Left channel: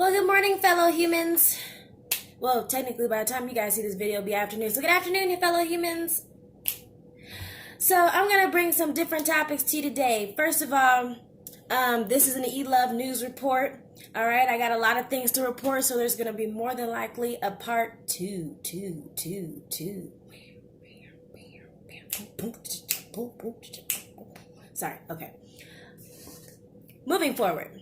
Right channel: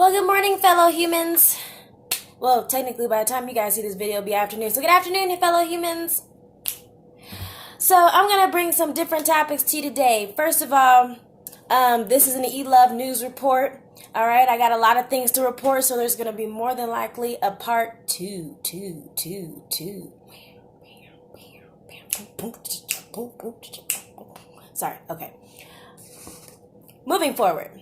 Well, good morning, fellow humans. Well, technically, by the time you guys see this video, it'll be afternoon. So good afternoon, fellow humans. So I'm going to bring some different topics to you today. First of all, this is an Eluv news report. All right, I got a lot of things to report, so there's going to be more than likely a part two. Sorry, okay. Moving forward.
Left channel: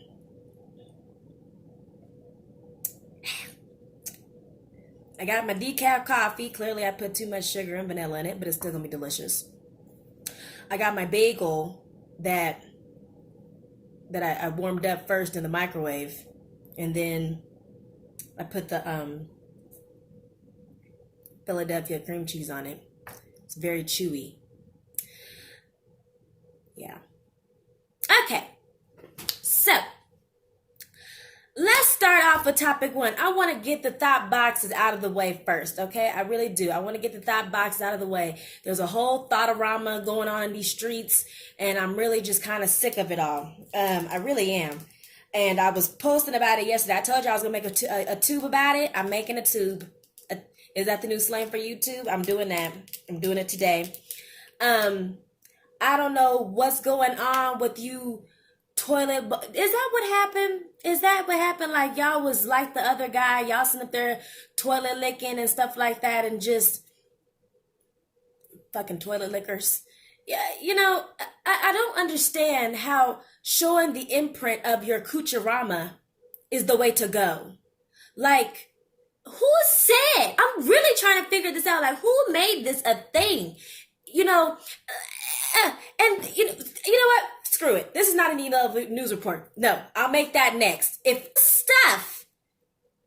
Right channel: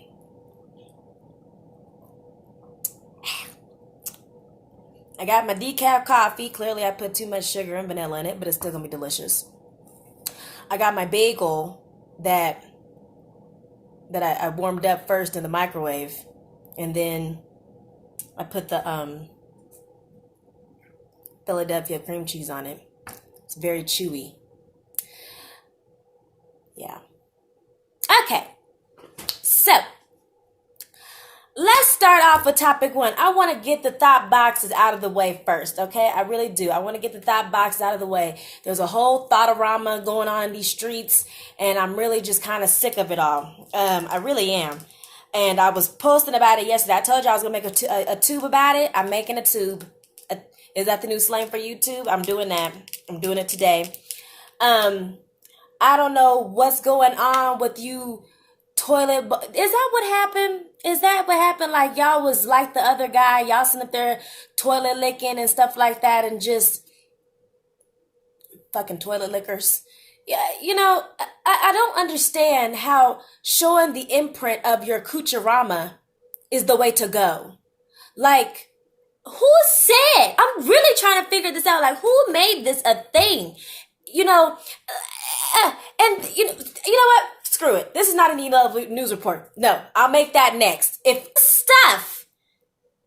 I got my decaf coffee. Clearly, I put too much sugar and vanilla in it, but it's still going to be delicious. I got my bagel that I warmed up first in the microwave, and then I put the Philadelphia cream cheese on it. It's very chewy. Yeah. Okay. So, let's start off with topic one. I want to get the thought boxes out of the way first, okay? I really do. I want to get the thought boxes out of the way. There's a whole thotarama going on in these streets, and I'm really just kind of sick of it all. I really am. And I was posting about it yesterday. I told you I was going to make a tube about it. I'm making a tube. Is that the new slang for YouTube? I'm doing that. I'm doing it today. I don't know what's going on with you toilet. Is that what happened? Is that what happened? Like y'all was like the other guy. Y'all sitting up there toilet licking and stuff like that and just fucking toilet lickers. Yeah, you know, I don't understand how showing the imprint of your cucharama is the way to go. Like, who said? I'm really trying to figure this out. Like, who made this a thing? You know, and you know what? Screw it. This is not an Eluv news report. No, I'll make that next. If stuff.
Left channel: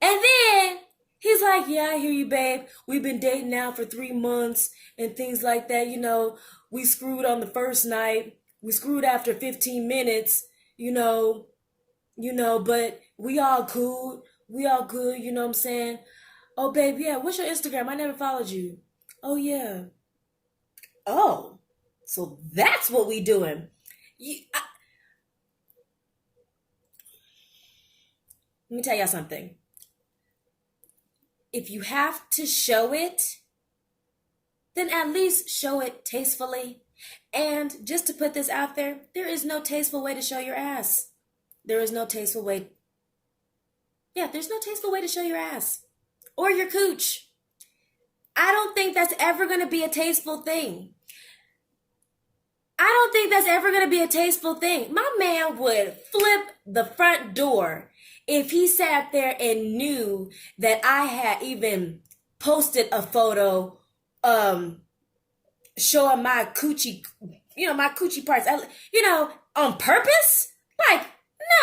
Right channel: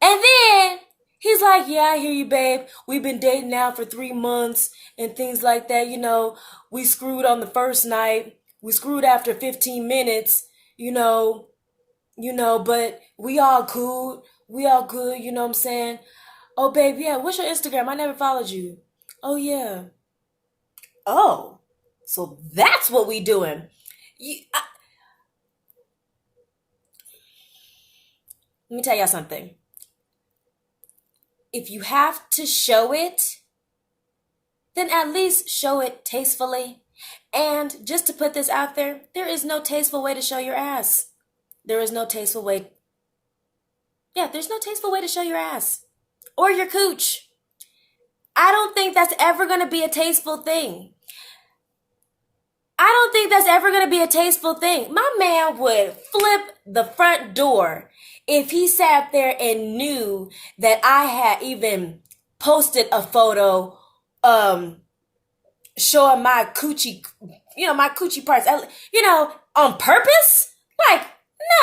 And then he's like, yeah, I hear you, babe. We've been dating now for 3 months and things like that. You know, we screwed on the first night. We screwed after 15 minutes, you know, but we all cool. We all good, you know what I'm saying? Oh, babe, yeah, what's your Instagram? I never followed you. Oh, yeah. Oh, so that's what we doing. Let me tell y'all something. If you have to show it, then at least show it tastefully. And just to put this out there, there is no tasteful way to show your ass. There is no tasteful way. Yeah, there's no tasteful way to show your ass or your cooch. I don't think that's ever going to be a tasteful thing. I don't think that's ever going to be a tasteful thing. My man would flip the front door if he sat there and knew that I had even posted a photo showing my coochie, my coochie parts, on purpose. Like,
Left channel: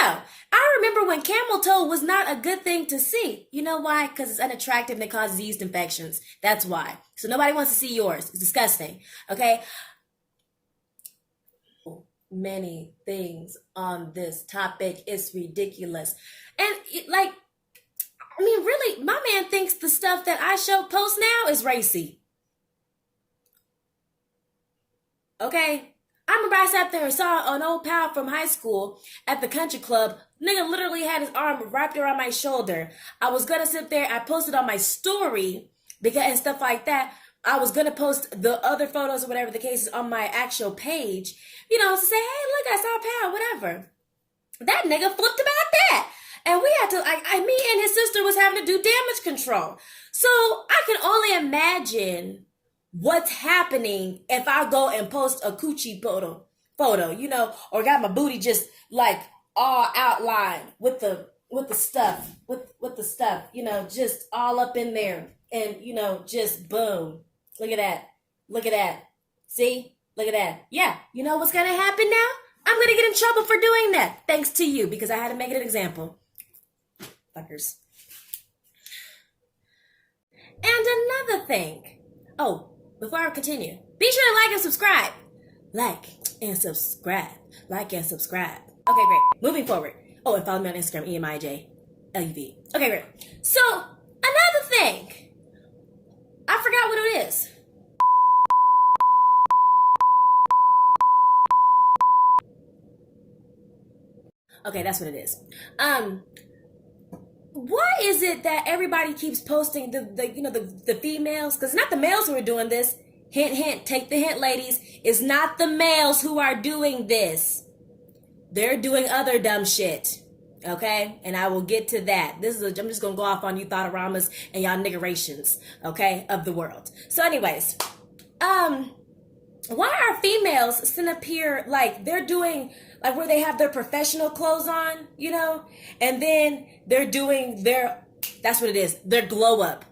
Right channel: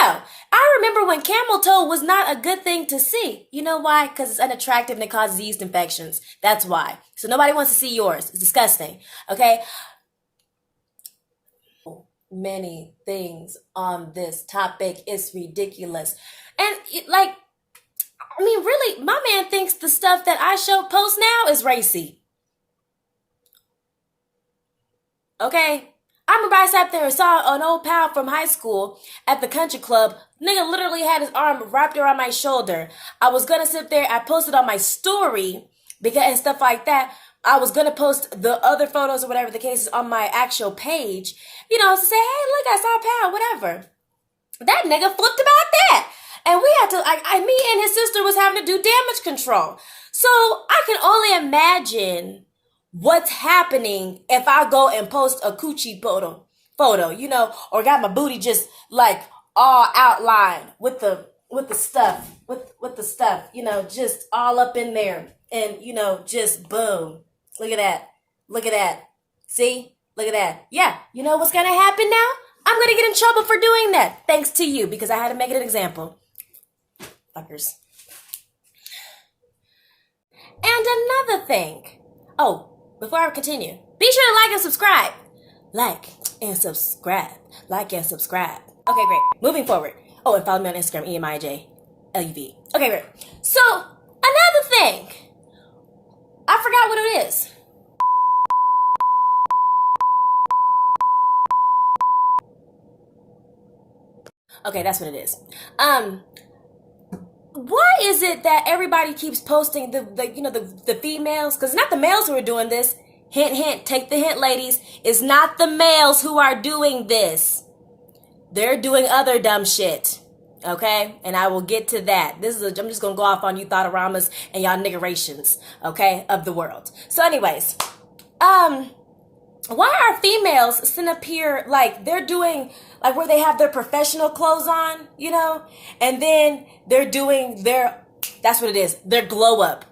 no. I remember when camel toe was not a good thing to see. You know why? Because it's unattractive and it causes yeast infections. That's why. So nobody wants to see yours. It's disgusting. Okay? Many things on this topic. It's ridiculous. And really, my man thinks the stuff that I post now is racy. Okay? I remember I sat there and saw an old pal from high school at the country club. Nigga literally had his arm wrapped around my shoulder. I was gonna sit there. I posted on my story and stuff like that. I was gonna post the other photos or whatever the case is on my actual page, to say, hey, look, I saw a pal, whatever. That nigga flipped about that. And we had to, me and his sister was having to do damage control. So I can only imagine what's happening if I go and post a coochie photo, or got my booty just like all outlined with the stuff, just all up in there and, just boom. Look at that. See? Look at that. Yeah. You know what's going to happen now? I'm going to get in trouble for doing that. Thanks to you, because I had to make it an example. Fuckers. And another thing. Oh, before I continue, be sure to like and subscribe. Like and subscribe. Okay, great. Moving forward. Oh, and follow me on Instagram, EMIJ, Okay, great. So, another thing. I forgot what it is. Okay, that's what it is. is it that everybody keeps posting the females? Because it's not the males who are doing this. Hint, hint, take the hint, ladies. It's not the males who are doing this. They're doing other dumb shit. Okay? And I will get to that. I'm just going to go off on you thotoramas and y'all niggerations, okay, of the world. So anyways, why are females sitting up here like they're doing, like where they have their professional clothes on, and then they're doing that's what it is, their glow up.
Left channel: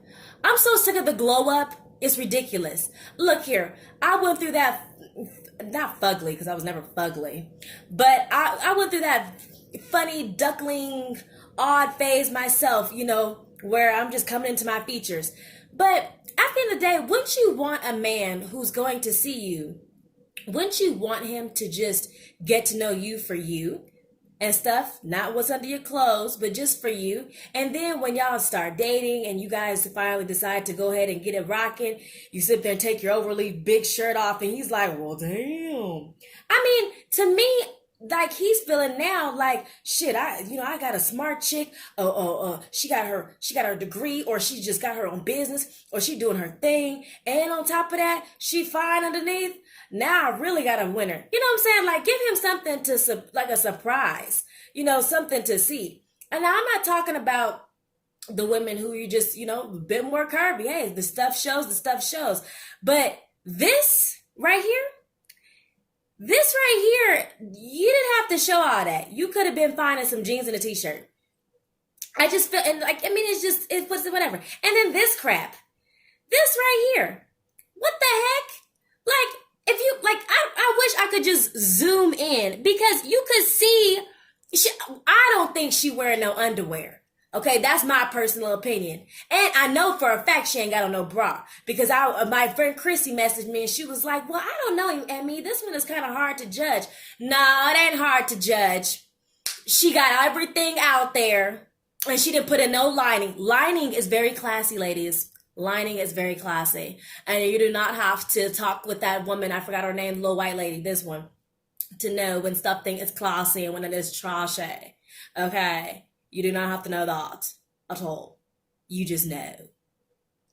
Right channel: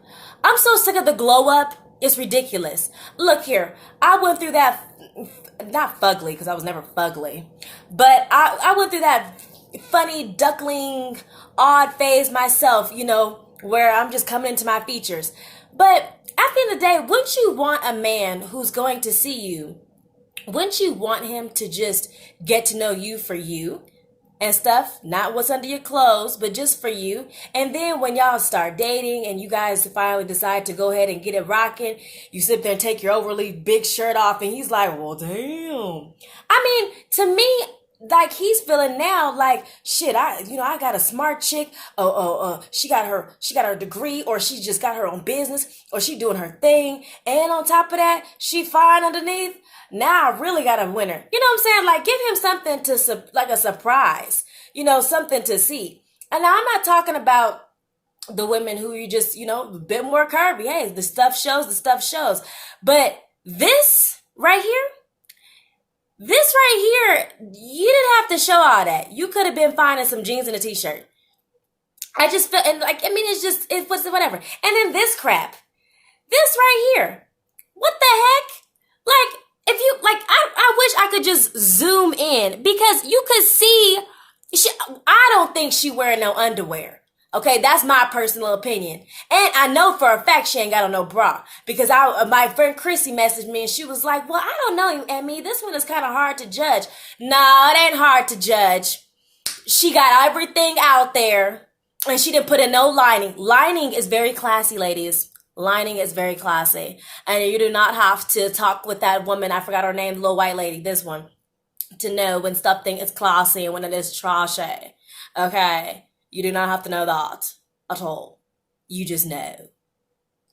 I'm so sick of the glow up. It's ridiculous. Look here, I went through that, not fugly, because I was never fugly, but I went through that funny duckling odd phase myself, where I'm just coming into my features. But at the end of the day, wouldn't you want a man who's going to see you, wouldn't you want him to just get to know you for you and stuff, not what's under your clothes, but just for you? And then when y'all start dating and you guys finally decide to go ahead and get it rocking, you sit there and take your overly big shirt off and he's like, well, damn. I mean, to me, like he's feeling now like, shit, I got a smart chick. She got her degree, or she just got her own business, or she doing her thing. And on top of that, she fine underneath. Now I really got a winner. You know what I'm saying? Like, give him something like a surprise, something to see. And now I'm not talking about the women who you just, a bit more curvy. Hey, the stuff shows. But this right here, you didn't have to show all that. You could have been fine in some jeans and a t-shirt. I just feel, and like, I mean, it was whatever. And then this crap, this right here, what the heck? Like, if you, like, I wish I could just zoom in, because you could see, I don't think she wearing no underwear. Okay, that's my personal opinion. And I know for a fact she ain't got on no bra, because my friend Chrissy messaged me and she was like, well, I don't know, Emmy, this one is kind of hard to judge. No, it ain't hard to judge. She got everything out there and she didn't put in no lining. Lining is very classy, ladies. Lining is very classy. And you do not have to talk with that woman, I forgot her name, the little white lady, this one, to know when something is classy and when it is trashy. Okay? You do not have to know that at all. You just know,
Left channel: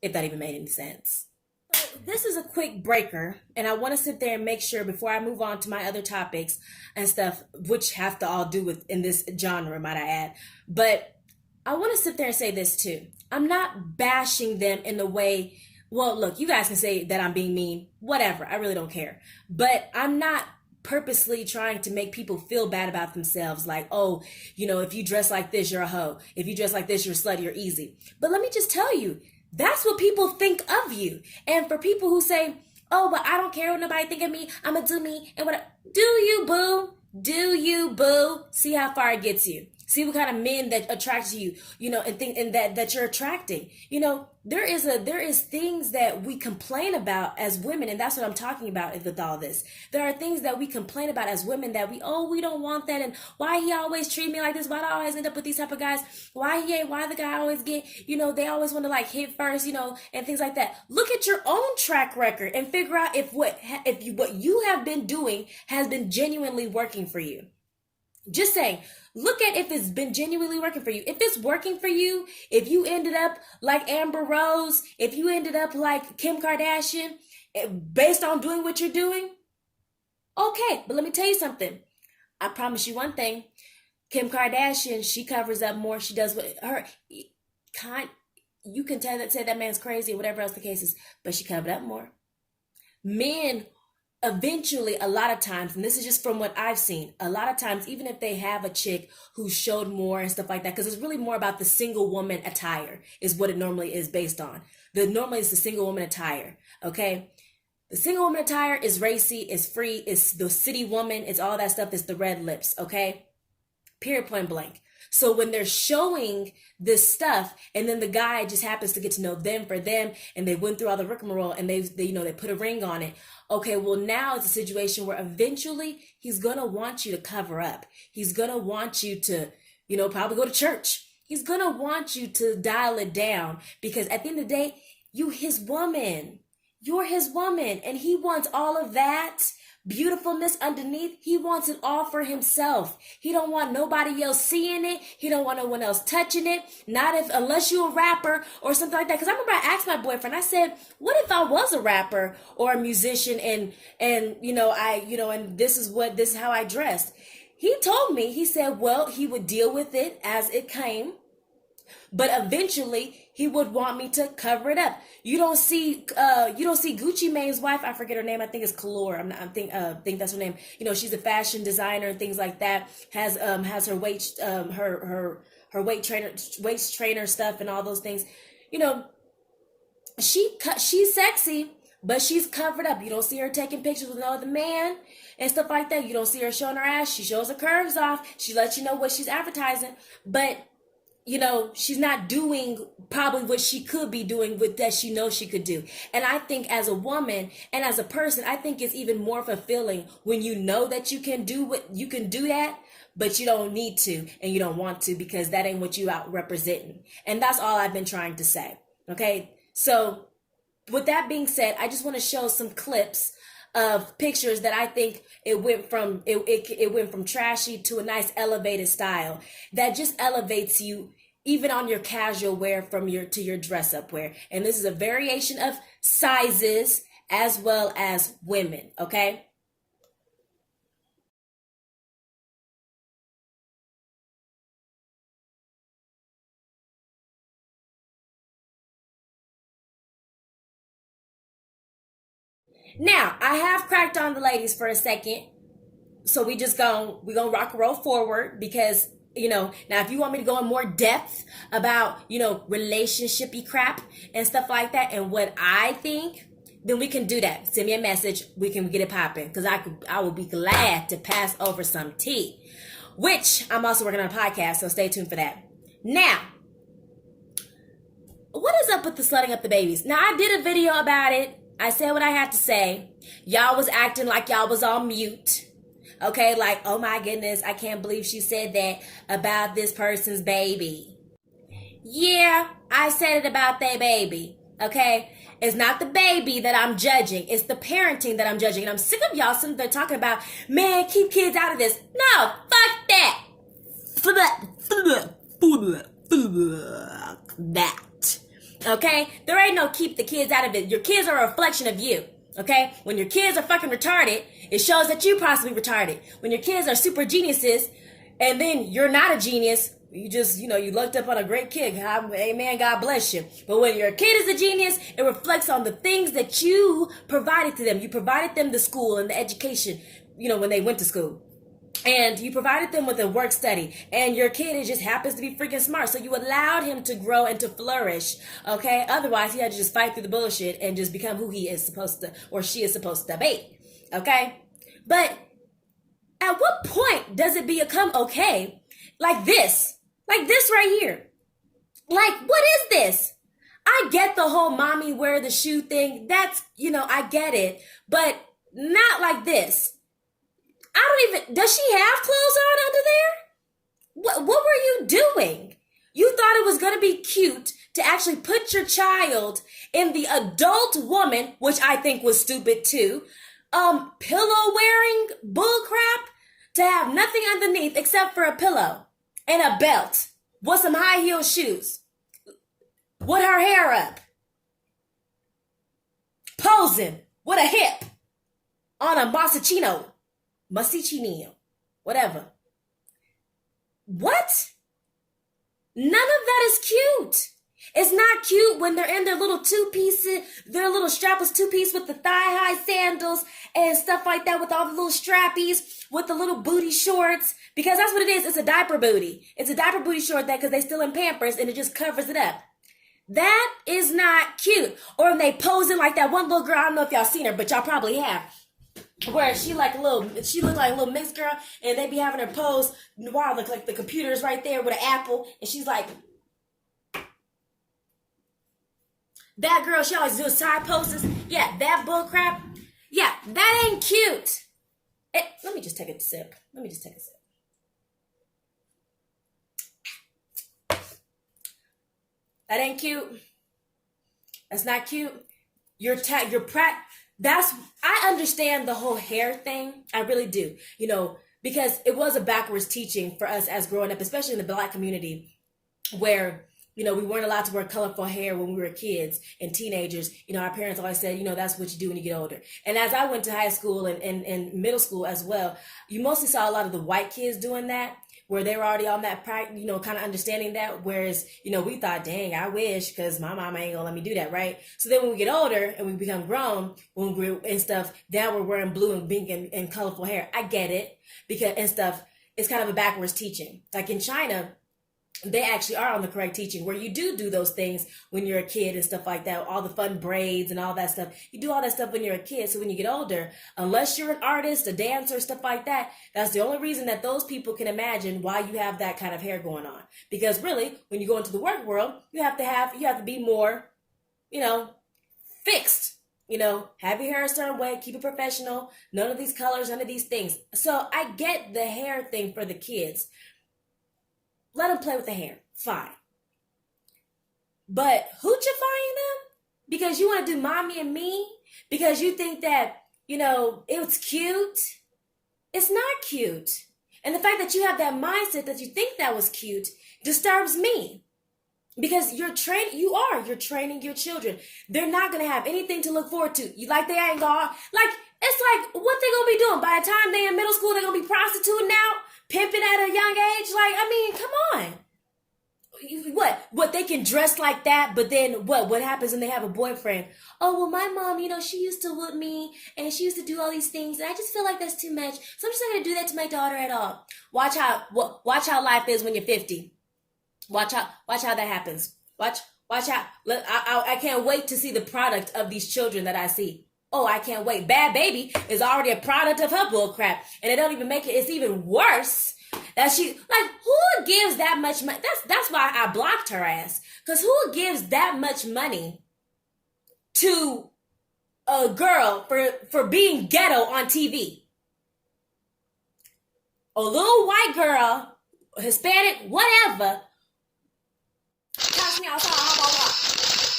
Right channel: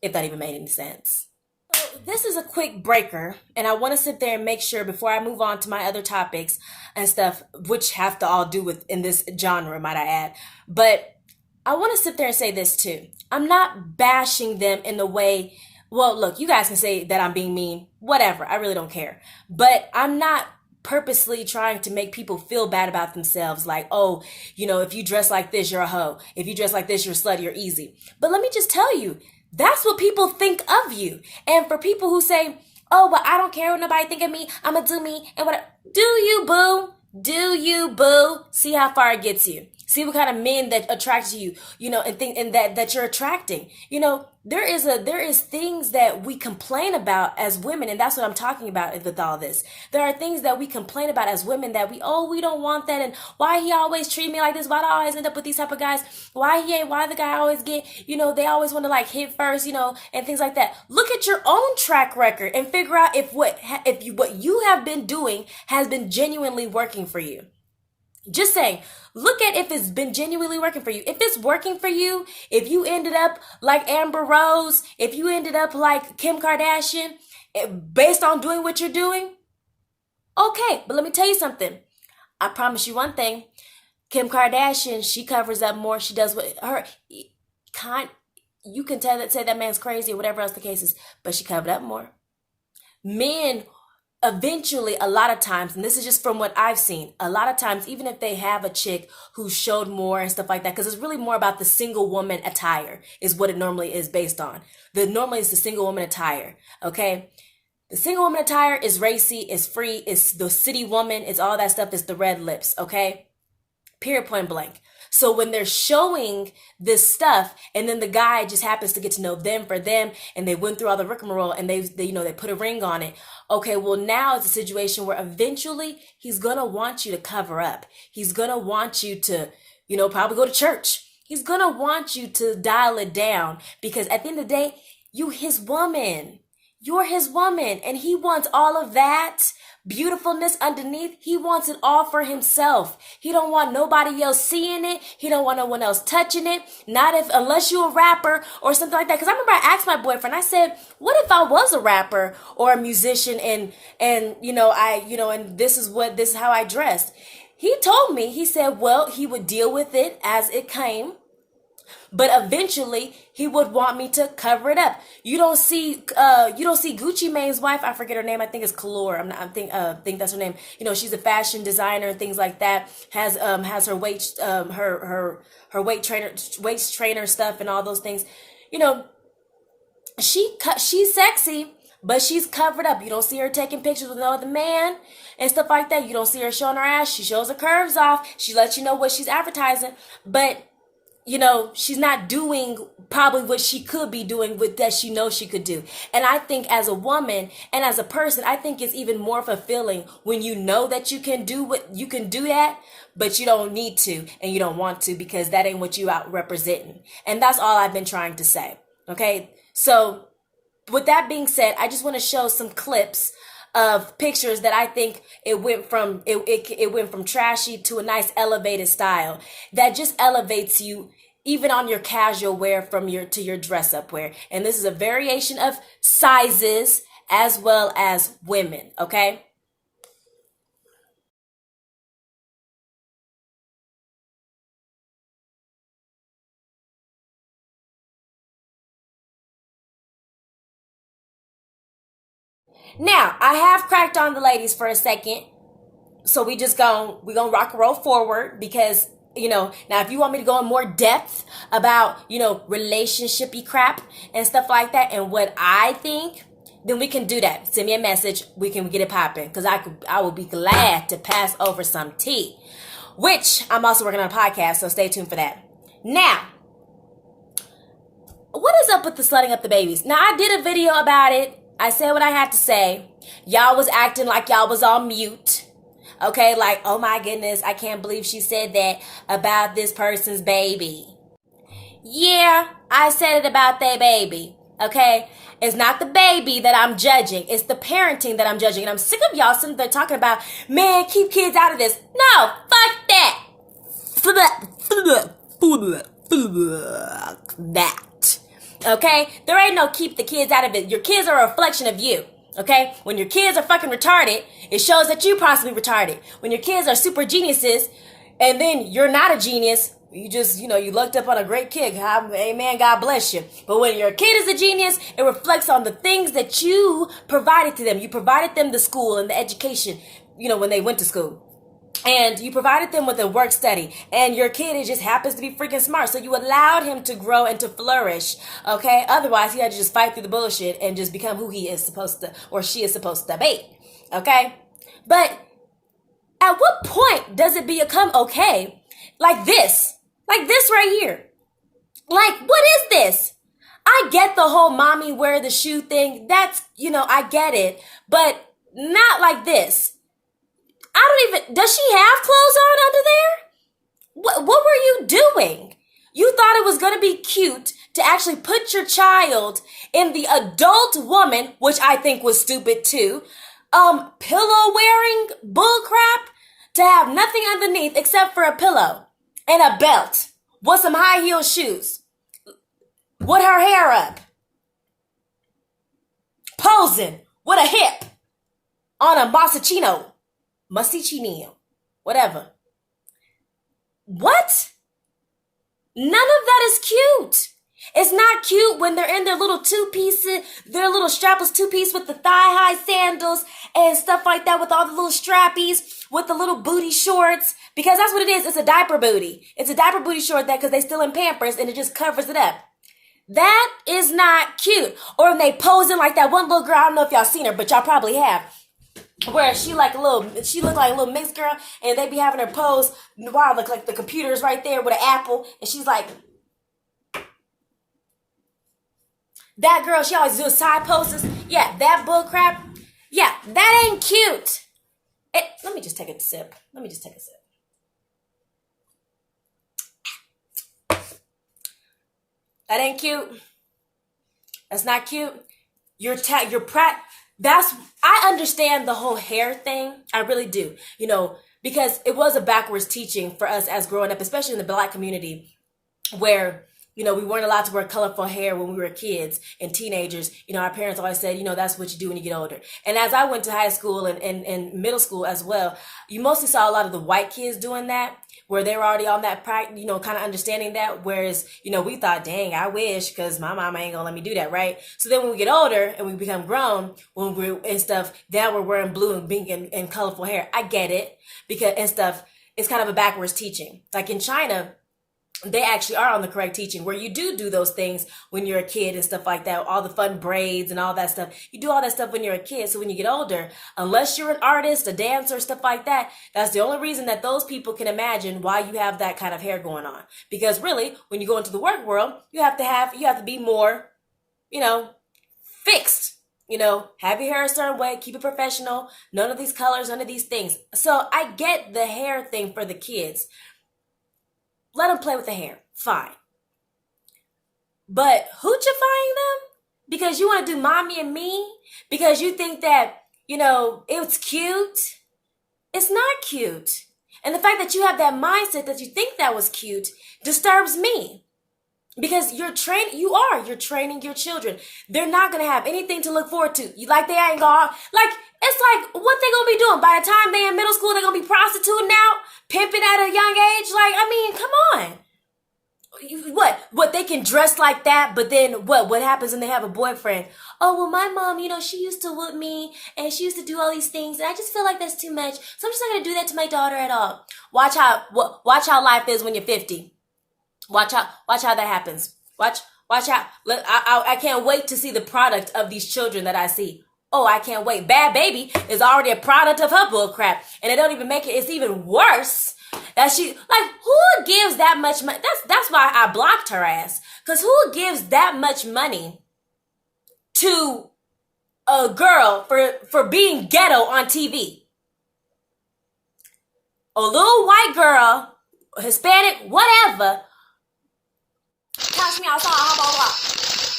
if that even made any sense. So this is a quick breaker, and I want to sit there and make sure before I move on to my other topics and stuff, which have to all do with in this genre, might I add. But I want to sit there and say this too. I'm not bashing them in the way, well, look, you guys can say that I'm being mean, whatever. I really don't care. But I'm not purposely trying to make people feel bad about themselves, like, oh, if you dress like this, you're a hoe. If you dress like this, you're slut, you're easy. But let me just tell you, that's what people think of you. And for people who say, oh, but I don't care what nobody think of me, I'm gonna do me, and whatever. Do you, boo? Do you, boo? See how far it gets you. See what kind of men that attracts you, and that you're attracting. There is things that we complain about as women, and that's what I'm talking about with all this. There are things that we complain about as women that we don't want that, and why he always treat me like this, why do I always end up with these type of guys, why the guy always get, they always want to like hit first, and things like that. Look at your own track record and figure out if what you have been doing has been genuinely working for you. Just saying. Look at if it's been genuinely working for you. If it's working for you, if you ended up like Amber Rose, if you ended up like Kim Kardashian, based on doing what you're doing, okay. But let me tell you something. I promise you one thing. Kim Kardashian, she covers up more. She does what her you can say that man's crazy or whatever else the case is, but she covered up more. Men eventually, a lot of times, and this is just from what I've seen, a lot of times, even if they have a chick who showed more and stuff like that, because it's really more about the single woman attire is what it normally is based on. Normally it's the single woman attire, okay? The single woman attire is racy, is free, it's the city woman, it's all that stuff, it's the red lips, okay? Period, point blank. So when they're showing this stuff and then the guy just happens to get to know them for them and they went through all the rigmarole and they put a ring on it. Okay, well now it's a situation where eventually he's going to want you to cover up. He's going to want you to, probably go to church. He's going to want you to dial it down because at the end of the day, you his woman. You're his woman, and he wants all of that beautifulness underneath. He wants it all for himself. He don't want nobody else seeing it. He don't want no one else touching it. Not if, unless you're a rapper or something like that. Because I remember I asked my boyfriend, I said, what if I was a rapper or a musician and and this is how I dressed? He told me, he said, well, he would deal with it as it came, but eventually he would want me to cover it up. You don't see Gucci Mane's wife. I forget her name. I think it's Kalor. I think that's her name. She's a fashion designer and things like that. Has her her weight trainer stuff and all those things. She's sexy, but she's covered up. You don't see her taking pictures with no other man and stuff like that. You don't see her showing her ass. She shows her curves off. She lets you know what she's advertising, but she's not doing probably what she could be doing with that she knows she could do. And I think as a woman and as a person, I think it's even more fulfilling when you know that you can do that, but you don't need to and you don't want to because that ain't what you out representing. And that's all I've been trying to say. Okay. So with that being said, I just want to show some clips of pictures that I think it went from trashy to a nice elevated style that just elevates you even on your casual wear to your dress up wear. And this is a variation of sizes as well as women, okay? Now, I have cracked on the ladies for a second. So we're gonna rock and roll forward because, now if you want me to go in more depth about, relationshipy crap and stuff like that and what I think, then we can do that. Send me a message. We can get it popping because I would be glad to pass over some tea, which I'm also working on a podcast. So stay tuned for that. Now, what is up with the slutting up the babies? Now, I did a video about it. I said what I had to say. Y'all was acting like y'all was on mute. Okay, like, oh my goodness, I can't believe she said that about this person's baby. Yeah, I said it about their baby. Okay, it's not the baby that I'm judging. It's the parenting that I'm judging. And I'm sick of y'all sitting there talking about, man, keep kids out of this. No, fuck that. That. Okay? There ain't no keep the kids out of it. Your kids are a reflection of you. Okay? When your kids are fucking retarded, it shows that you possibly retarded. When your kids are super geniuses, and then you're not a genius, you just, you looked up on a great kid. Amen, God bless you. But when your kid is a genius, it reflects on the things that you provided to them. You provided them the school and the education, when they went to school. And you provided them with a work study. And your kid, it just happens to be freaking smart. So you allowed him to grow and to flourish. Okay? Otherwise, he had to just fight through the bullshit and just become who he is supposed to, or she is supposed to be. Okay? But at what point does it become okay? Like this right here. Like, what is this? I get the whole mommy wear the shoe thing. That's, I get it. But not like this. Does she have clothes on under there? What were you doing? You thought it was going to be cute to actually put your child in the adult woman, which I think was stupid too, pillow wearing bullcrap, to have nothing underneath except for a pillow and a belt with some high heel shoes with her hair up, posing with a hip on a Musicino, whatever. What? None of that is cute. It's not cute when they're in their little their little strapless two-piece with the thigh-high sandals and stuff like that with all the little strappies, with the little booty shorts, because that's what it is. It's a diaper booty. It's a diaper booty short because they still in Pampers and it just covers it up. That is not cute. Or when they posing like that one little girl, I don't know if y'all seen her, but y'all probably have, where she looked like a little mixed girl, and they be having her pose while like the computer's right there with an apple, and she's like, that girl, she always does side poses. Yeah, that bull crap. Yeah, that ain't cute. Let me just take a sip. That ain't cute. That's not cute. I understand the whole hair thing. I really do. Because it was a backwards teaching for us as growing up, especially in the Black community, where we weren't allowed to wear colorful hair when we were kids and teenagers. Our parents always said, that's what you do when you get older. And as I went to high school and middle school as well, you mostly saw a lot of the white kids doing that, where they were already on that, kind of understanding that. Whereas, we thought, dang, I wish, because my mama ain't gonna let me do that, right? So then when we get older and we become grown, when we're and stuff, now we're wearing blue and pink and colorful hair. I get it, because and stuff, it's kind of a backwards teaching. Like in China, they actually are on the correct teaching, where you do those things when you're a kid and stuff like that, all the fun braids and all that stuff. You do all that stuff when you're a kid. So when you get older, unless you're an artist, a dancer, stuff like that, that's the only reason that those people can imagine why you have that kind of hair going on. Because really, when you go into the work world, you have to be more, fixed. Have your hair a certain way, keep it professional, none of these colors, none of these things. So I get the hair thing for the kids. Let them play with the hair. Fine. But hoochifying them? Because you want to do mommy and me? Because you think that, it's cute? It's not cute. And the fact that you have that mindset that you think that was cute disturbs me. Because you're training your children. They're not going to have anything to look forward to. They ain't gonna, it's like, what they gonna be doing? By the time they in middle school, they're gonna be prostituting out, pimping at a young age? Come on. What, they can dress like that, but then what happens when they have a boyfriend? Oh, well, my mom, she used to whip me, and she used to do all these things, and I just feel like that's too much, so I'm just not gonna do that to my daughter at all. Watch how life is when you're 50. Watch how that happens. Watch out. I can't wait to see the product of these children that I see. Oh, I can't wait. Bad Baby is already a product of her bull crap. And it don't even make it, it's even worse that who gives that much money? That's why I blocked her ass. Because who gives that much money to a girl for being ghetto on TV? A little white girl, Hispanic, whatever. Catch me outside, how about that?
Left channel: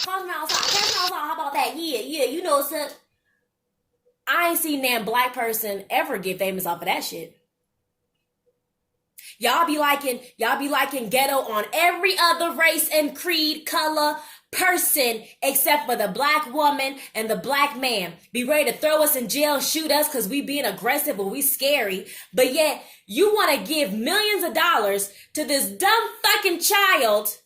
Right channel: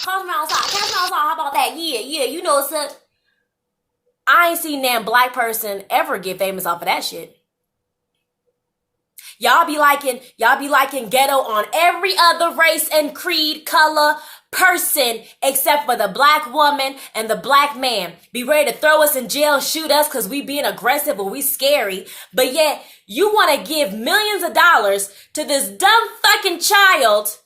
Catch me outside, how about that? Yeah, such. I ain't seen that black person ever get famous off of that shit. Y'all be liking ghetto on every other race and creed, color, person, except for the black woman and the black man. Be ready to throw us in jail, shoot us because we being aggressive or we scary. But yet, you want to give millions of dollars to this dumb fucking child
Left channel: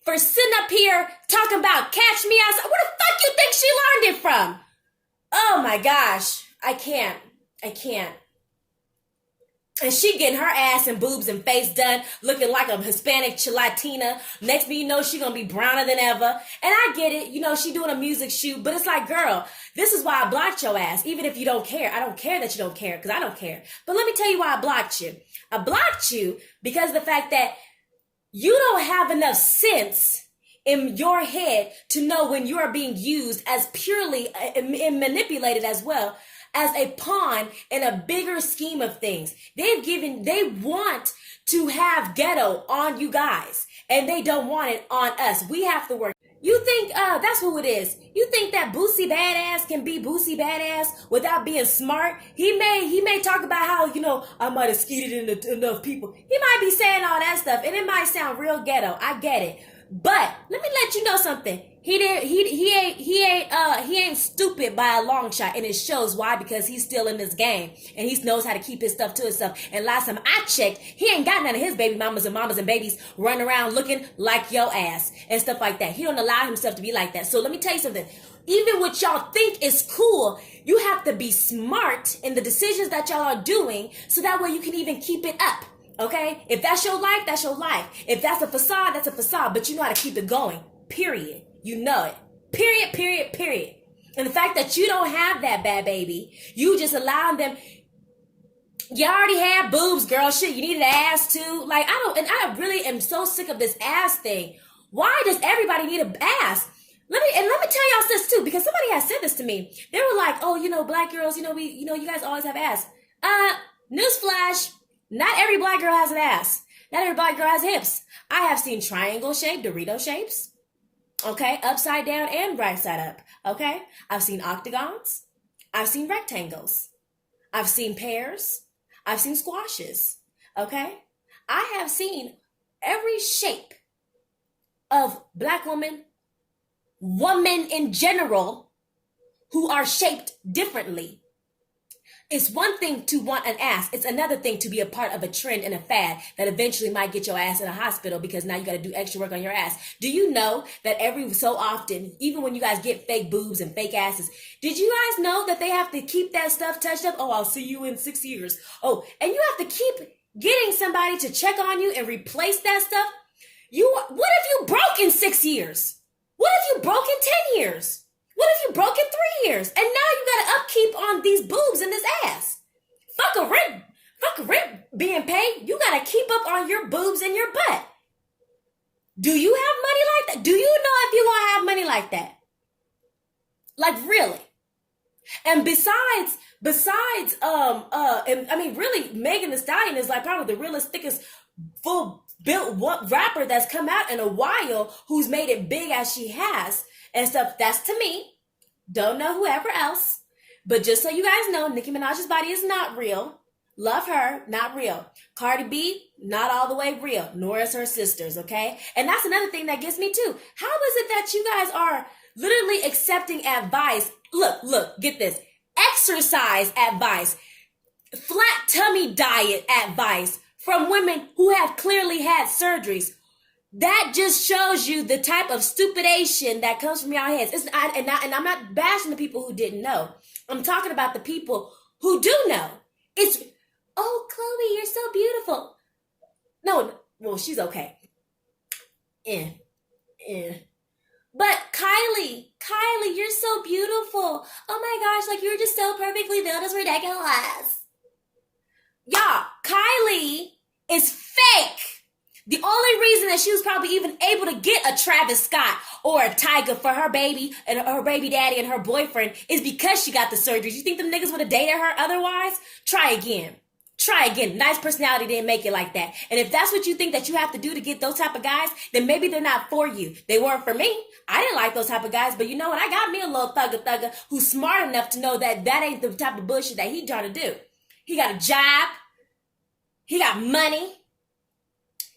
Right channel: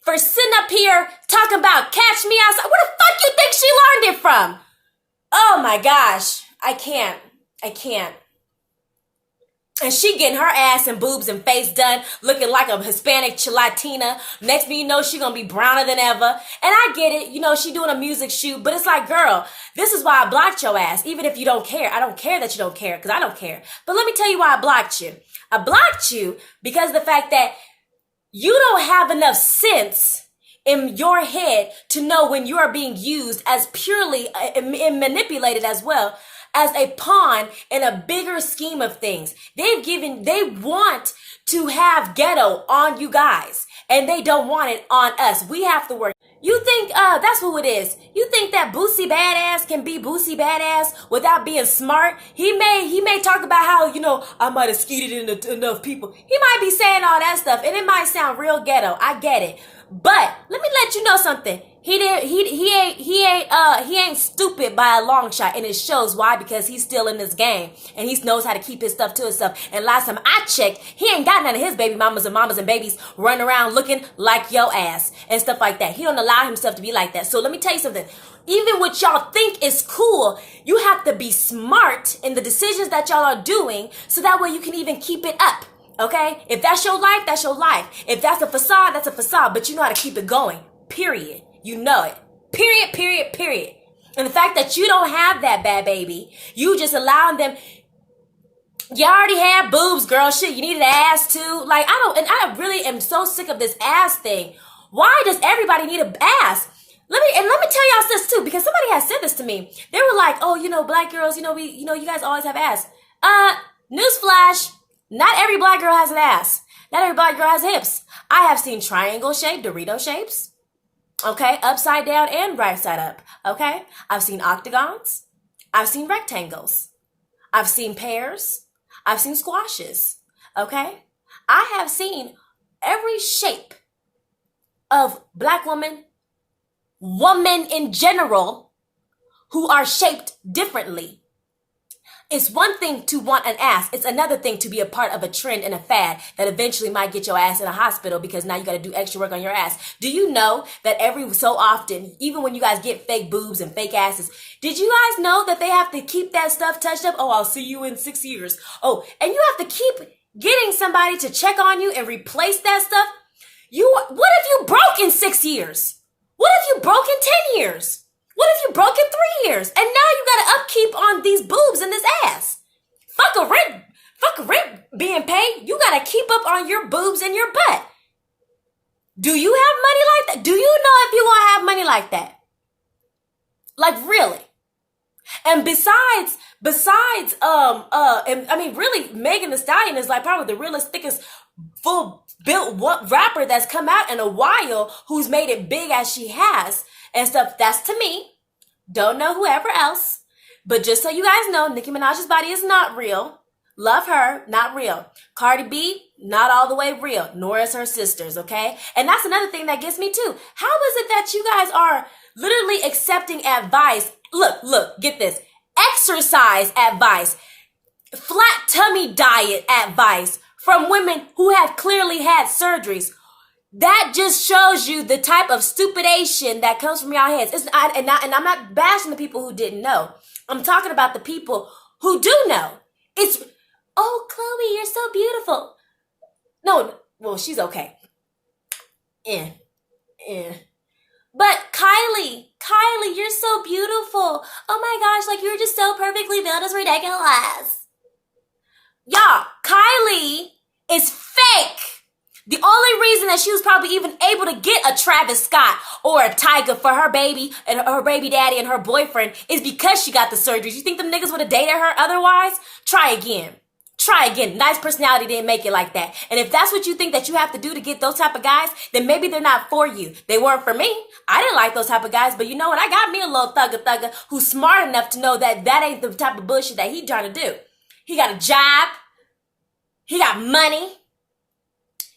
for sitting up here talking about catch me outside. Where the fuck you think she learned it from? Oh my gosh, I can't. And she getting her ass and boobs and face done, looking like a Hispanic Latina. Next thing you know, she gonna be browner than ever. And I get it, she doing a music shoot, but it's like, girl, this is why I blocked your ass, even if you don't care. I don't care that you don't care, because I don't care. But let me tell you why I blocked you. I blocked you because of the fact that you don't have enough sense in your head to know when you are being used as purely and manipulated as well as a pawn in a bigger scheme of things. They want to have ghetto on you guys, and they don't want it on us. We have to work. You think that's who it is. You think that Boosie Badass can be Boosie Badass without being smart? He may talk about how, I might have skeeted into enough people. He might be saying all that stuff, and it might sound real ghetto. I get it. But let me let you know something. He ain't stupid by a long shot, and it shows why, because he's still in this game and he knows how to keep his stuff to himself. And last time I checked, he ain't got none of his baby mamas and babies running around looking like your ass and stuff like that. He don't allow himself to be like that. So let me tell you something. Even what y'all think is cool, you have to be smart in the decisions that y'all are doing, so that way you can even keep it up. Okay? If that's your life, that's your life. If that's a facade, that's a facade. But you know how to keep it going. Period. You know it. Period. And the fact that you don't have that, bad baby, you just allowing them. You already had boobs, girl. Shit, you needed an ass too. I really am so sick of this ass thing. Why does everybody need an ass? Let me tell y'all this too, because somebody has said this to me. They were like, oh, black girls, you guys always have ass. Newsflash. Not every black girl has an ass. Not every black girl has hips. I have seen triangle shaped Dorito shapes. Okay, upside down and right side up. Okay, I've seen octagons. I've seen rectangles. I've seen pears. I've seen squashes. Okay, I have seen every shape of black women in general who are shaped differently. It's one thing to want an ass. It's another thing to be a part of a trend and a fad that eventually might get your ass in a hospital because now you got to do extra work on your ass. Do you know that every so often, even when you guys get fake boobs and fake asses, did you guys know that they have to keep that stuff touched up? Oh, I'll see you in 6 years. Oh, and you have to keep getting somebody to check on you and replace that stuff. What if you broke in 6 years? What if you broke in 10 years? What if you broke in 3 years? And now you got to upkeep on these boobs and this ass. Fuck a rent being paid. You got to keep up on your boobs and your butt. Do you have money like that? Do you know if you're going to have money like that? Like really? And besides, really, Megan Thee Stallion is like probably the realest, thickest, full built rapper that's come out in a while who's made it big as she has and stuff. That's to me. Don't know whoever else. But just so you guys know, Nicki Minaj's body is not real. Love her, not real. Cardi B, not all the way real, nor is her sisters, okay? And that's another thing that gets me too. How is it that you guys are literally accepting advice? Look, get this. Exercise advice, flat tummy diet advice from women who have clearly had surgeries. That just shows you the type of stupidation that comes from y'all heads. And I'm not bashing the people who didn't know. I'm talking about the people who do know. It's, oh, Chloe, you're so beautiful. No, well, she's okay. But Kylie, you're so beautiful. Oh my gosh, like you're just so perfectly built. It's ridiculous. Y'all, Kylie is fake. The only reason that she was probably even able to get a Travis Scott or a Tyga for her baby and her baby daddy and her boyfriend is because she got the surgeries. You think them niggas would have dated her otherwise? Try again. Nice personality didn't make it like that. And if that's what you think that you have to do to get those type of guys, then maybe they're not for you. They weren't for me. I didn't like those type of guys, but you know what? I got me a little thugger who's smart enough to know that that ain't the type of bullshit that he trying to do. He got a job. He got money.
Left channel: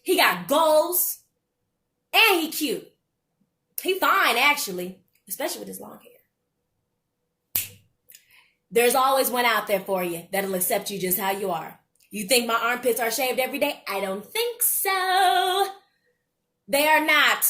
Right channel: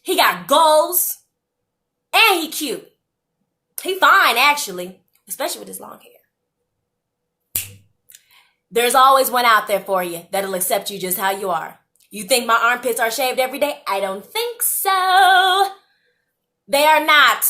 He got goals. And he cute. He fine, actually. Especially with his long hair. There's always one out there for you that'll accept you just how you are. You think my armpits are shaved every day? I don't think so. They are not.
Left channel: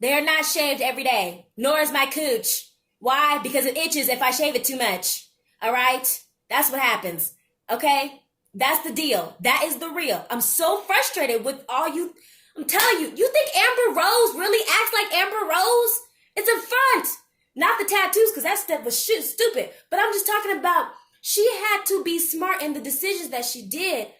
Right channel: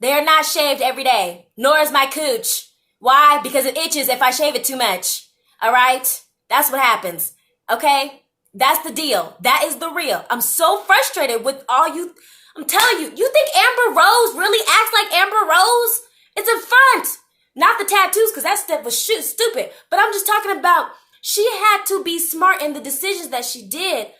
They are not shaved every day. Nor is my cooch. Why? Because it itches if I shave it too much. All right? That's what happens. Okay? That's the deal. That is the real. I'm so frustrated with all you. I'm telling you, you think Amber Rose really acts like Amber Rose? It's a front. Not the tattoos, because that stuff was stupid. But I'm just talking about she had to be smart in the decisions that she did.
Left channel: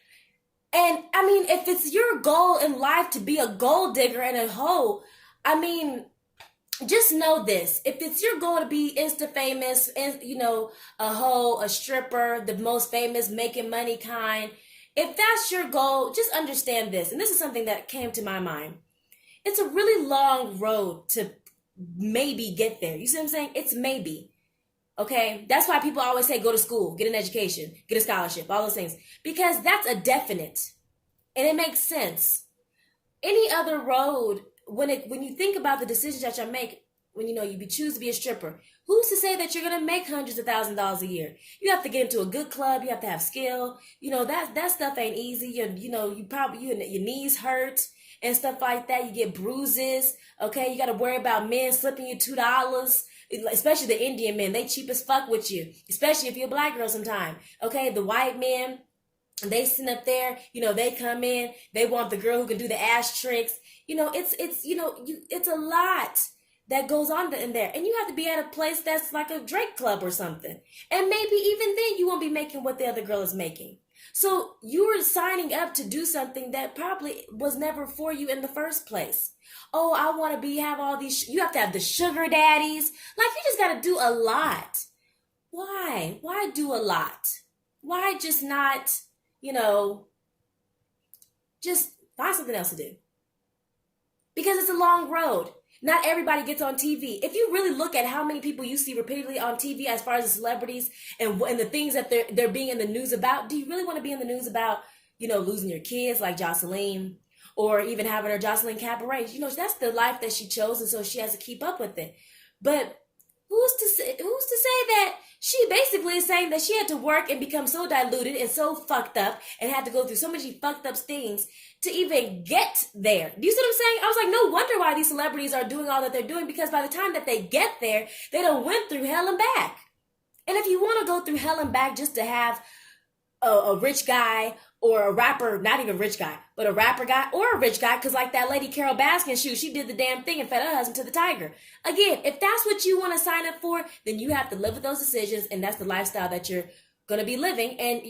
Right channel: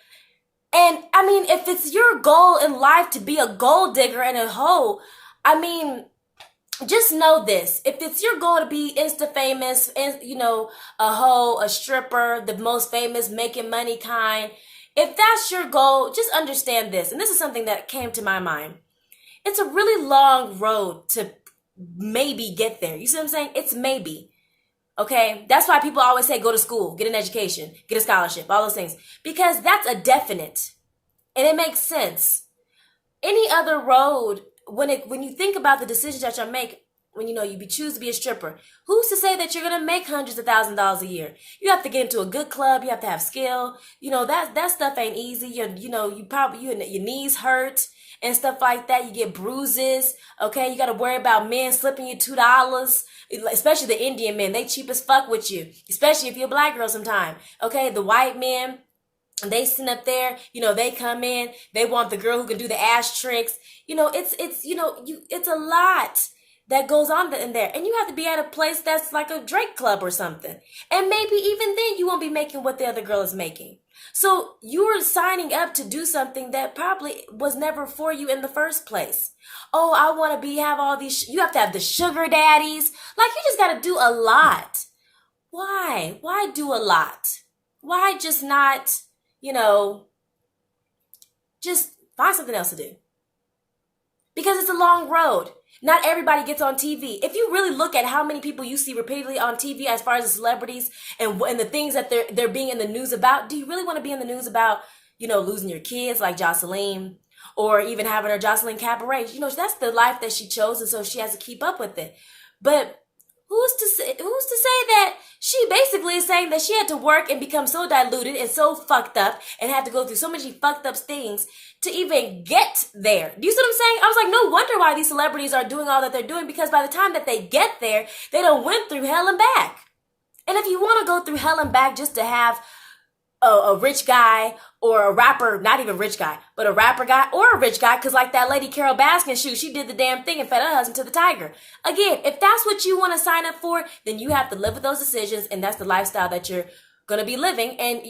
And, I mean, if it's your goal in life to be a gold digger and a hoe, I mean, just know this. If it's your goal to be Insta famous, you know, a hoe, a stripper, the most famous, making money kind, if that's your goal, just understand this. And this is something that came to my mind. It's a really long road to maybe get there. You see what I'm saying? It's maybe. Okay? That's why people always say go to school, get an education, get a scholarship, all those things. Because that's a definite. And it makes sense. Any other road, when you think about the decisions that you make, when you choose to be a stripper, who's to say that you're gonna make hundreds of $1,000s a year? You have to get into a good club. You have to have skill. That stuff ain't easy. Your knees hurt and stuff like that. You get bruises. Okay, you got to worry about men slipping you $2. Especially the Indian men, they cheap as fuck with you. Especially if you're a black girl sometime. Okay, the white men, they sit up there. They come in. They want the girl who can do the ass tricks. It's a lot that goes on in there. And you have to be at a place that's like a Drake club or something. And maybe even then you won't be making what the other girl is making. So you're signing up to do something that probably was never for you in the first place. Oh, I want to have all these. You have to have the sugar daddies. Like, you just got to do a lot. Why? Why do a lot? Why just not, just find something else to do? Because it's a long road. Not everybody gets on TV. If you really look at how many people you see repeatedly on TV as far as the celebrities and the things that they're being in the news about, do you really want to be in the news about, losing your kids like Jocelyn, or even having her Jocelyn Cabaret? That's the life that she chose, and so she has to keep up with it. But who's to say that she basically is saying that she had to work and become so diluted and so fucked up and had to go through so many fucked up things to even get there? Do you see what I'm saying? I was like, no wonder why these celebrities are doing all that they're doing, because by the time that they get there, they done went through hell and back. And if you want to go through hell and back just to have a rich guy or a rapper, not even rich guy, but a rapper guy or a rich guy, because like that lady Carol Baskin, she did the damn thing and fed her husband to the tiger. Again, if that's what you want to sign up for, then you have to live with those decisions, and that's the lifestyle that you're going to be living. And,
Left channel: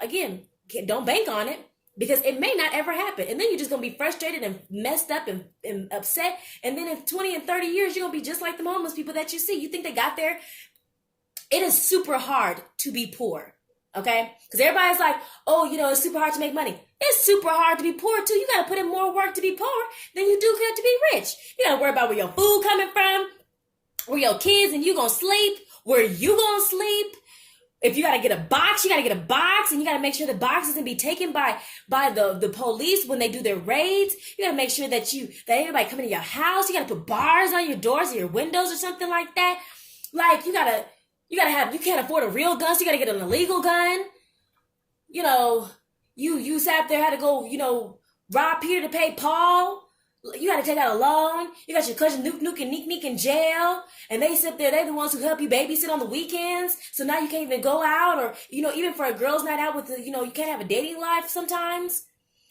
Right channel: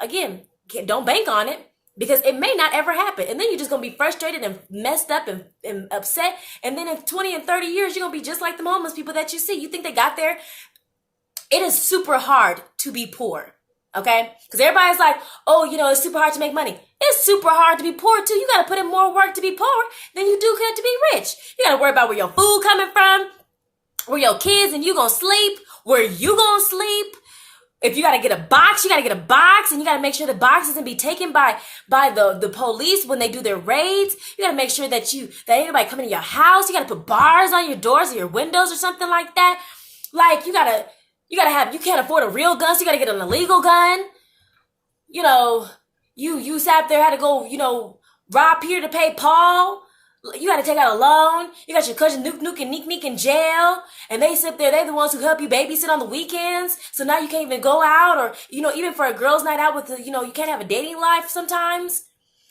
again, don't bank on it, because it may not ever happen. And then you're just going to be frustrated and messed up and upset. And then in 20 and 30 years, you're going to be just like the homeless people that you see. You think they got there? It is super hard to be poor. Okay? Because everybody's like, oh, it's super hard to make money. It's super hard to be poor, too. You got to put in more work to be poor than you do to be rich. You got to worry about where your food coming from, where your kids and you going to sleep, where you going to sleep. If you got to get a box, you got to get a box, and you got to make sure the box isn't be taken by the police when they do their raids. You got to make sure that ain't nobody coming to your house. You got to put bars on your doors or your windows or something like that. Like, you can't afford a real gun, so you got to get an illegal gun. You sat there, had to go, rob Peter to pay Paul. You got to take out a loan. You got your cousin Nuke and Neek in jail. And they sit there, they're the ones who help you babysit on the weekends. So now you can't even go out, or, even for a girls' night out you can't have a dating life sometimes.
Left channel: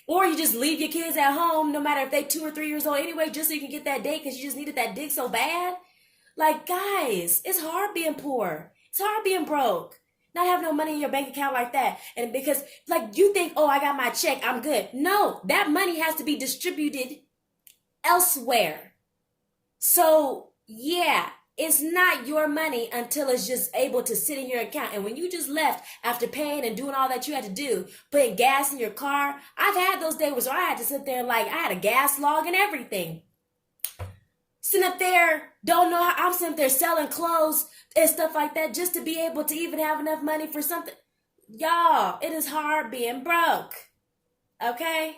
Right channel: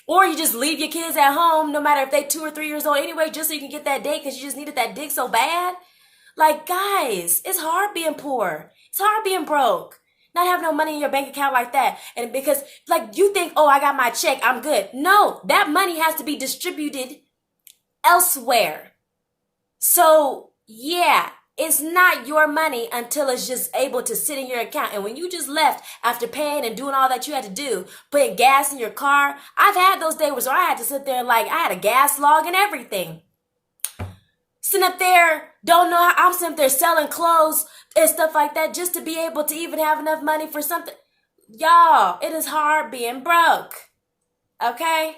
Or you just leave your kids at home, no matter if they're 2 or 3 years old anyway, just so you can get that date because you just needed that dick so bad. Like, guys, it's hard being poor. It's hard being broke. Not having no money in your bank account like that. And because, you think, oh, I got my check, I'm good. No, that money has to be distributed elsewhere. So, yeah, it's not your money until it's just able to sit in your account. And when you just left after paying and doing all that you had to do, putting gas in your car, I've had those days where I had to sit there I had a gas log and everything. Sitting up there, don't know how I'm sitting there selling clothes and stuff like that just to be able to even have enough money for something. Y'all, it is hard being broke. Okay?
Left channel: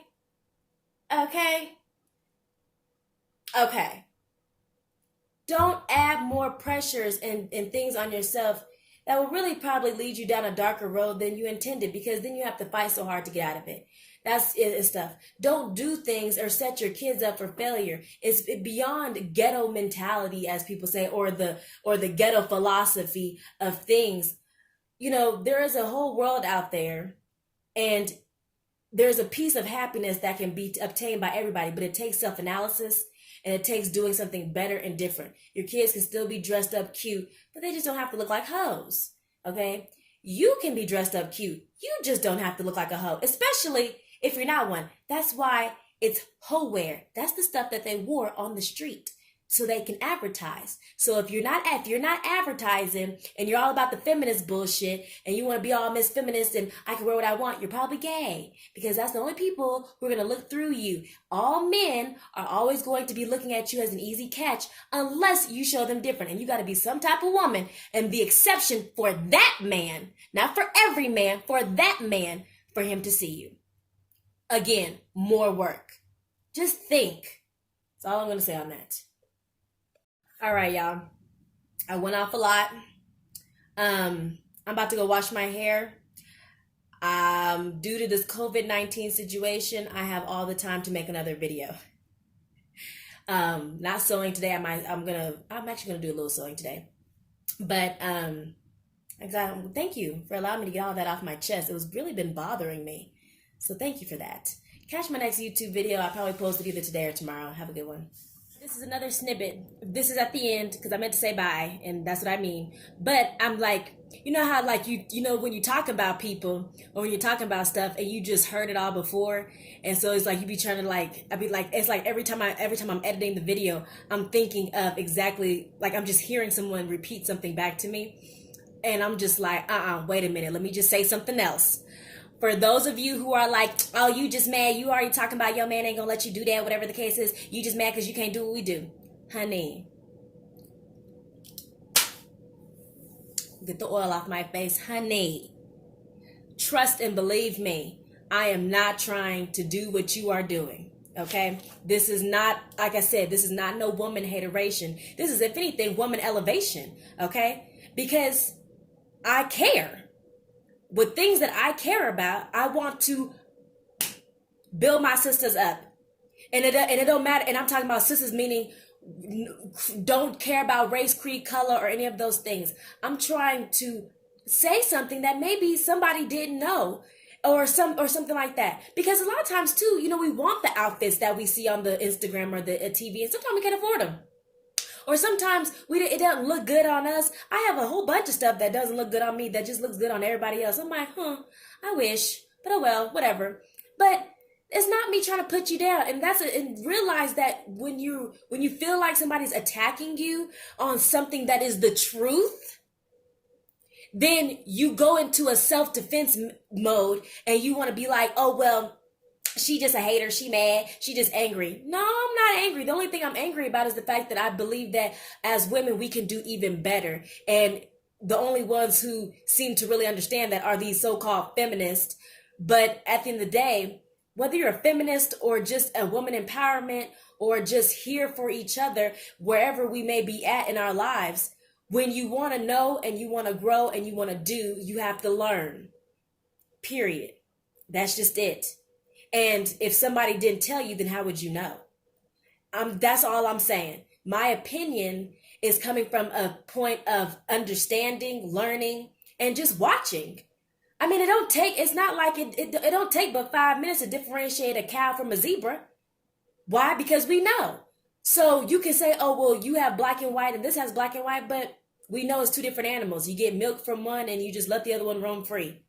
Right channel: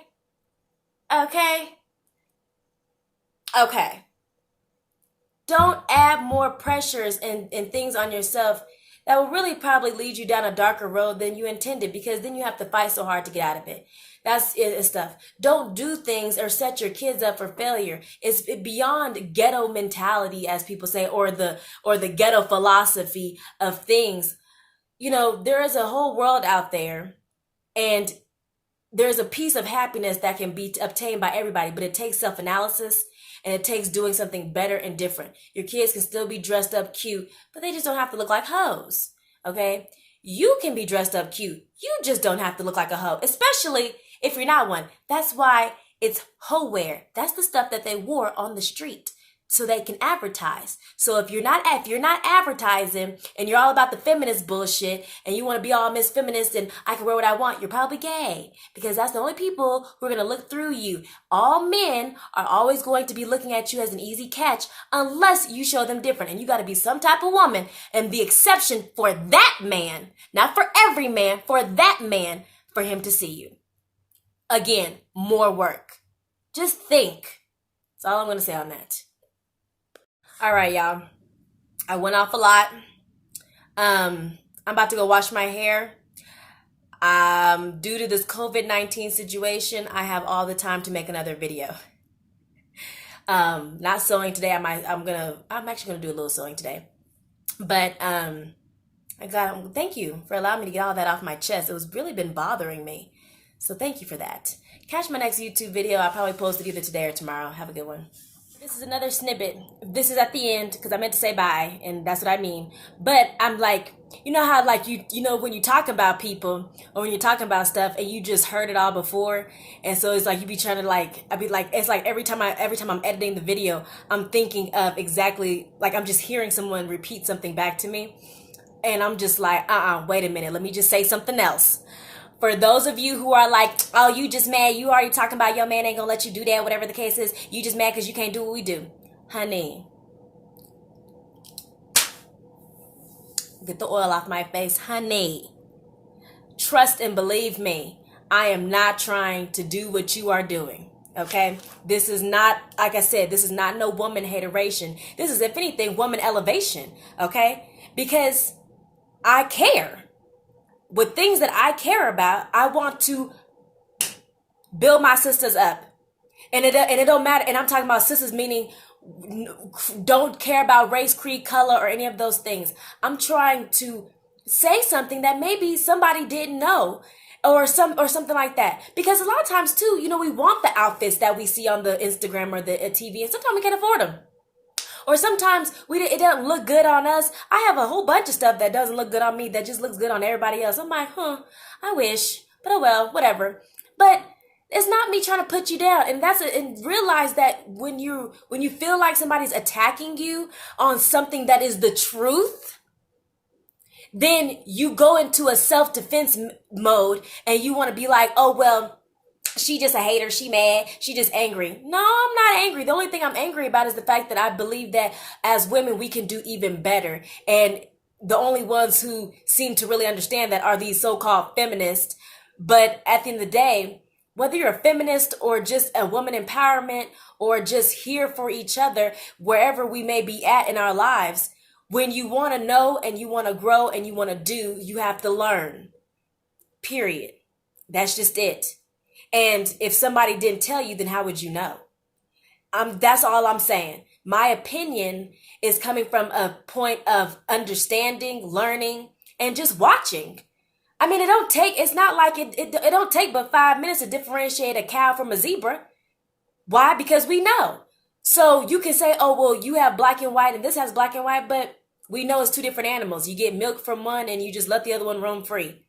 Don't add more pressures and things on yourself that will really probably lead you down a darker road than you intended, because then you have to fight so hard to get out of it. That's it stuff. Don't do things or set your kids up for failure. It's beyond ghetto mentality, as people say, or the ghetto philosophy of things. There is a whole world out there, and there's a piece of happiness that can be obtained by everybody, but it takes self-analysis, and it takes doing something better and different. Your kids can still be dressed up cute, but they just don't have to look like hoes. Okay? You can be dressed up cute. You just don't have to look like a hoe, especially if you're not one. That's why it's hoe-wear. That's the stuff that they wore on the street so they can advertise. So if you're not advertising and you're all about the feminist bullshit and you want to be all Miss Feminist and I can wear what I want, you're probably gay, because that's the only people who are going to look through you. All men are always going to be looking at you as an easy catch unless you show them different. And you got to be some type of woman and the exception for that man, not for every man, for that man, for him to see you. Again, more work. Just think. That's all I'm going to say on that. All right, y'all. I went off a lot. I'm about to go wash my hair. Due to this COVID-19 situation, I have all the time to make another video. Not sewing today. I'm actually gonna do a little sewing today. But thank you for allowing me to get all that off my chest. It was really been bothering me. So thank you for that. Catch my next YouTube video. I'll probably post it either today or tomorrow. Have a good one. This is another snippet. This is at the end because I meant to say bye, and that's what I mean. But I'm like, you know how when you talk about people or when you're talking about stuff and you just heard it all before, and so it's like you be trying to it's like every time I'm editing the video, I'm thinking of exactly I'm just hearing someone repeat something back to me, and I'm just like, wait a minute, let me just say something else. For those of you who are like, oh, you just mad, you already talking about your man ain't gonna let you do that, whatever the case is, you just mad because you can't do what we do. Honey, get the oil off my face. Honey, trust and believe me. I am not trying to do what you are doing. Okay? This is not, like I said, this is not no woman hateration. This is, if anything, woman elevation. Okay? Because I care. With things that I care about, I want to build my sisters up. And it don't matter. And I'm talking about sisters meaning don't care about race, creed, color, or any of those things. I'm trying to say something that maybe somebody didn't know, or something like that. Because a lot of times too, we want the outfits that we see on the Instagram or the TV, and sometimes we can't afford them. Or sometimes it doesn't look good on us. I have a whole bunch of stuff that doesn't look good on me that just looks good on everybody else. I'm like, I wish, but oh well, whatever. But it's not me trying to put you down. And realize that when you feel like somebody's attacking you on something that is the truth, then you go into a self-defense mode and you want to be like, oh, well, she just a hater. She mad. She just angry. No, I'm not angry. The only thing I'm angry about is the fact that I believe that as women, we can do even better. And the only ones who seem to really understand that are these so-called feminists. But at the end of the day, whether you're a feminist or just a woman empowerment or just here for each other, wherever we may be at in our lives, when you want to know and you want to grow and you want to do, you have to learn. Period. That's just it. And if somebody didn't tell you, then how would you know? That's all I'm saying. My opinion is coming from a point of understanding, learning, and just watching. I mean, it's not like it don't take but 5 minutes to differentiate a cow from a zebra. Why? Because we know. So you can say, oh, well, you have black and white and this has black and white, but we know it's two different animals. You get milk from one and you just let the other one roam free.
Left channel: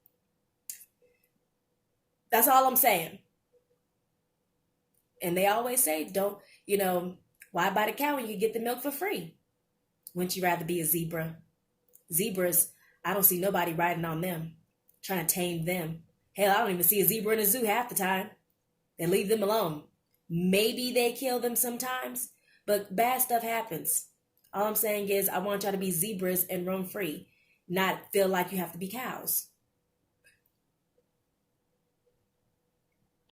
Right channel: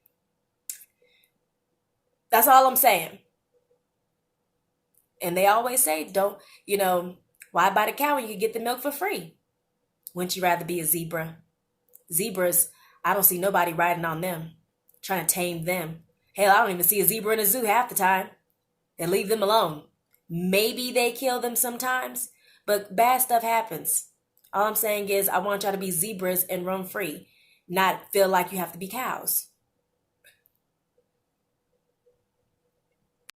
That's all I'm saying. And they always say, why buy the cow when you get the milk for free? Wouldn't you rather be a zebra? Zebras, I don't see nobody riding on them, trying to tame them. Hell, I don't even see a zebra in a zoo half the time. They leave them alone. Maybe they kill them sometimes, but bad stuff happens. All I'm saying is I want y'all to be zebras and roam free, not feel like you have to be cows.